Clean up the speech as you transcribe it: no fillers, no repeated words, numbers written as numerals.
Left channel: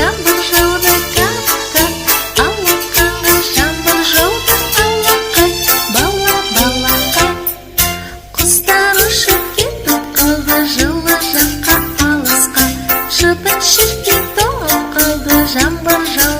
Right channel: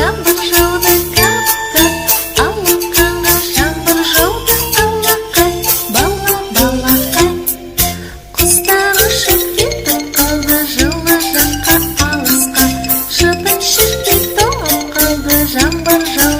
Жаңбыр жауды кап-кап, алақанға жаңбыр жауды алақай, балақай. Құстар ұшып кетіп қалды жылы жаққа алысқа, шыбын-шіркей тоңып қалды жаңбыр жауды